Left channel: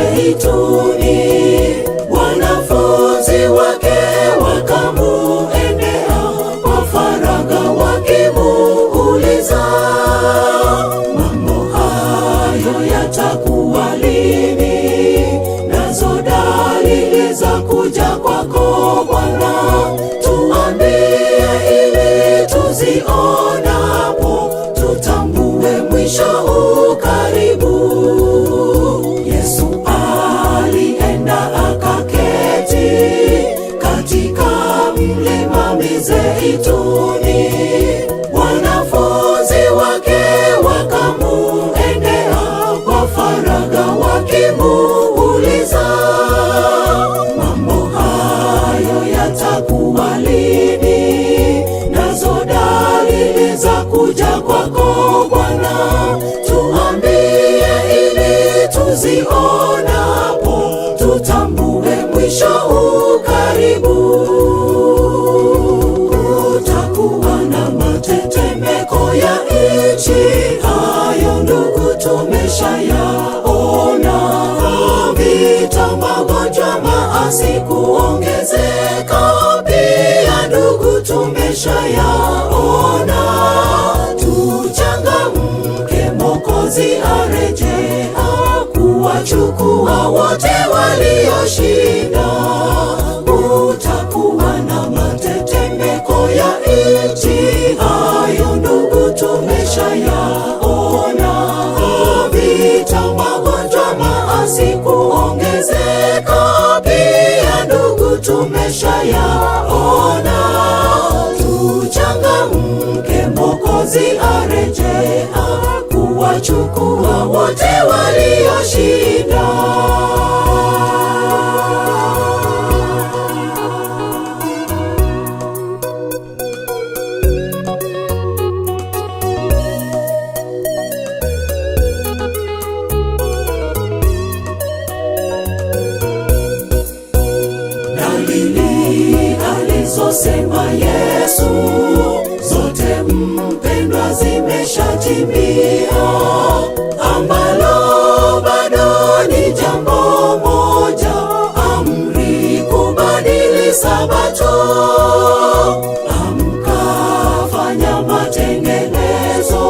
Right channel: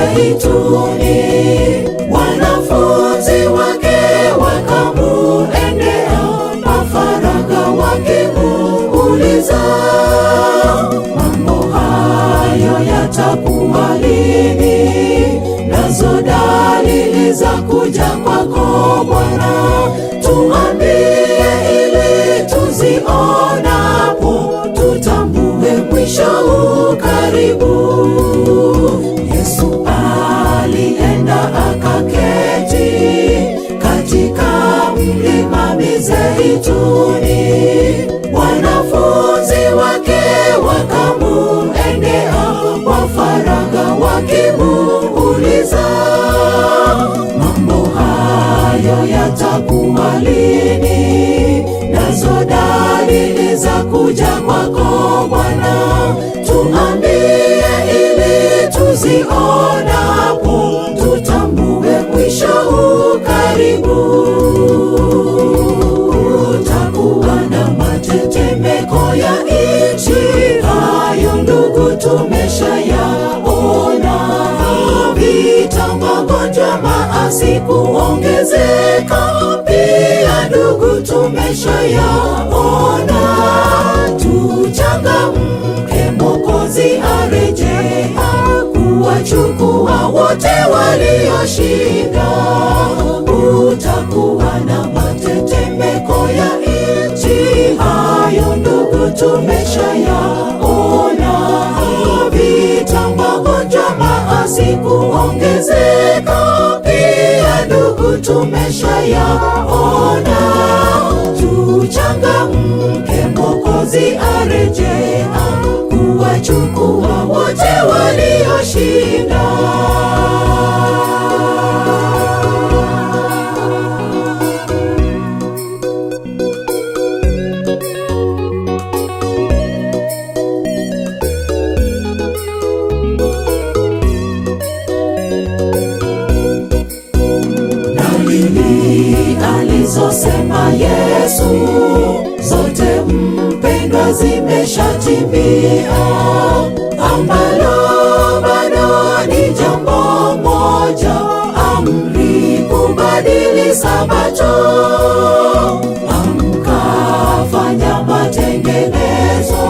Mizeituni, wanafunzi wake wakamuendea kwa faragha wakimuuliza, mambo hayo yatakuwa lini? Nazo dalili za kuja kwako Bwana, tuambie ili tuzionapo tutambue mwisho ukaribu. Yesu alienda akaketi katika mlima Mizeituni, wanafunzi wake wakamuendea kwa faragha wakimuuliza, mambo hayo yatakuwa lini? Nazo dalili za kuja kwako Bwana, tuambie ili tuzionapo tutambue mwisho ukaribu. Utakuwa na matetemeko ya nchi, hayo ndugu tumeshayaona. Vita, magonjwa, maasi kuongezeka, pia ndugu tumeshayaona. Tuchangamke, Mwokozi arejea kuwachukua wote walioshinda. Utakuwa na matetemeko ya nchi, hayo ndugu tumeshayaona. Vita, magonjwa, maasi kuongezeka, pia ndugu tumeshayaona. Tuchangamke, Mwokozi arejea kuwachukua wote walioshinda. Dalili alizosema Yesu zote mpendwa zimeshatimia. Ambalo bado ni jambo moja, amri kubadili Sabato. Amka, fanya matengenezo,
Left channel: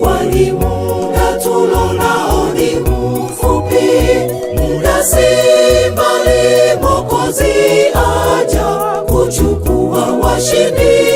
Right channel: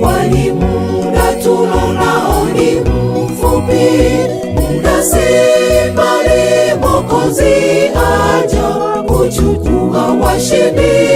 kwani muda tulonao ni mfupi. Muda si mbali, Mwokozi aja kuchukua washindi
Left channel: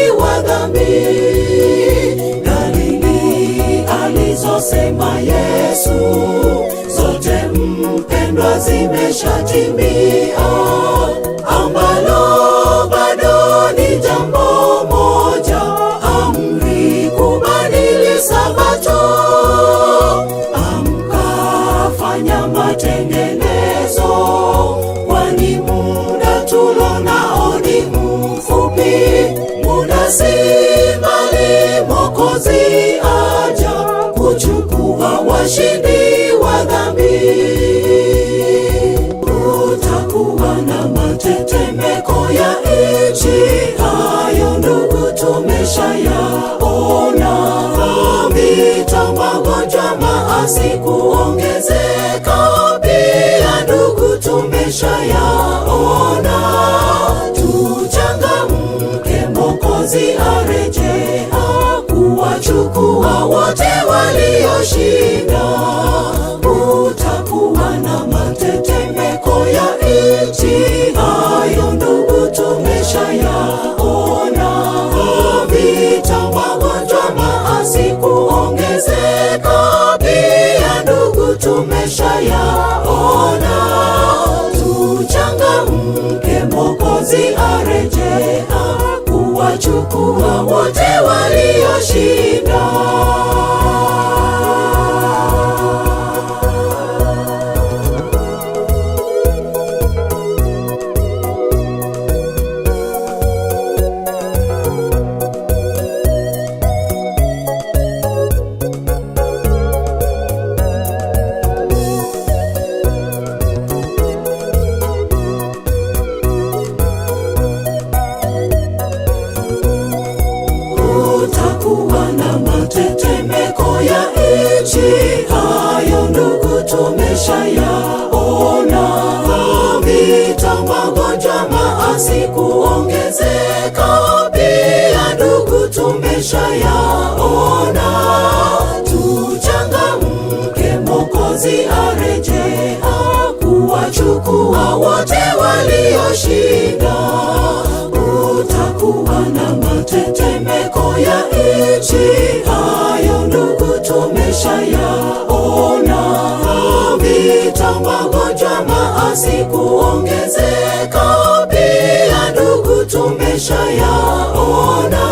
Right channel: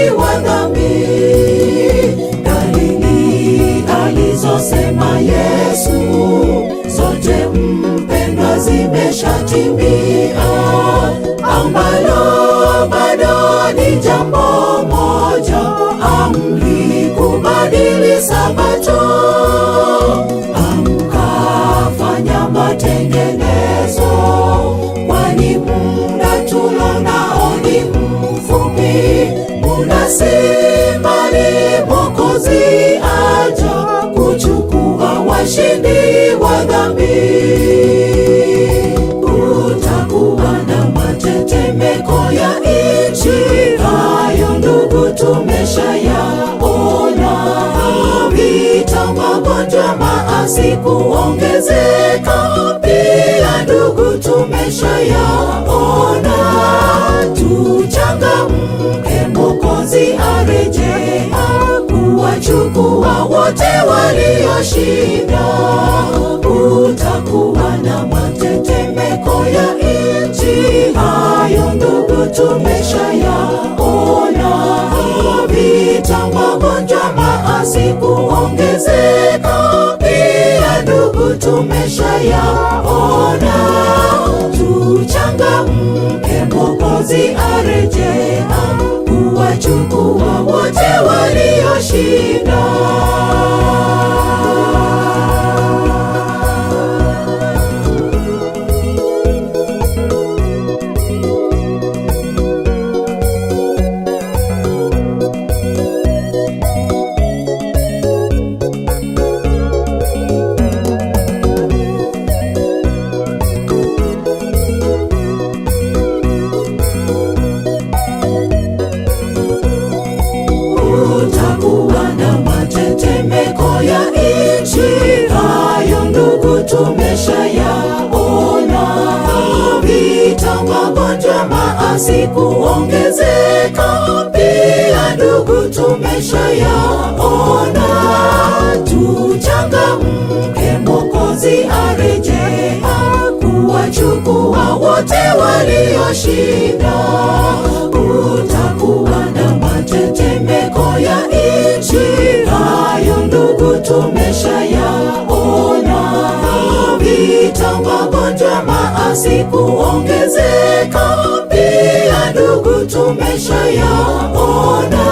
tutayaona.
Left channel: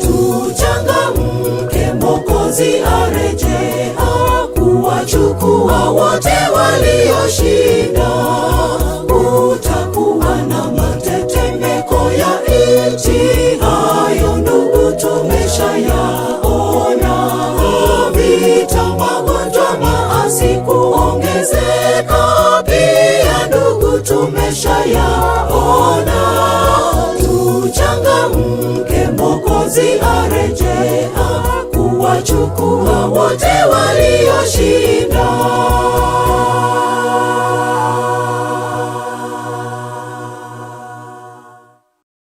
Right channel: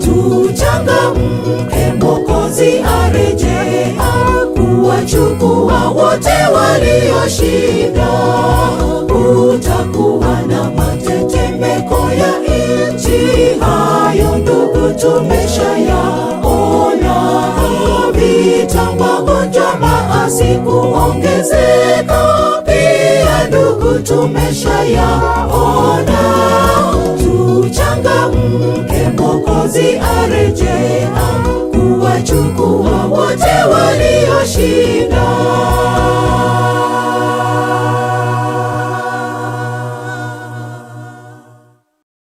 Tuchangamke, Mwokozi arejea kuwachukua wote walioshinda.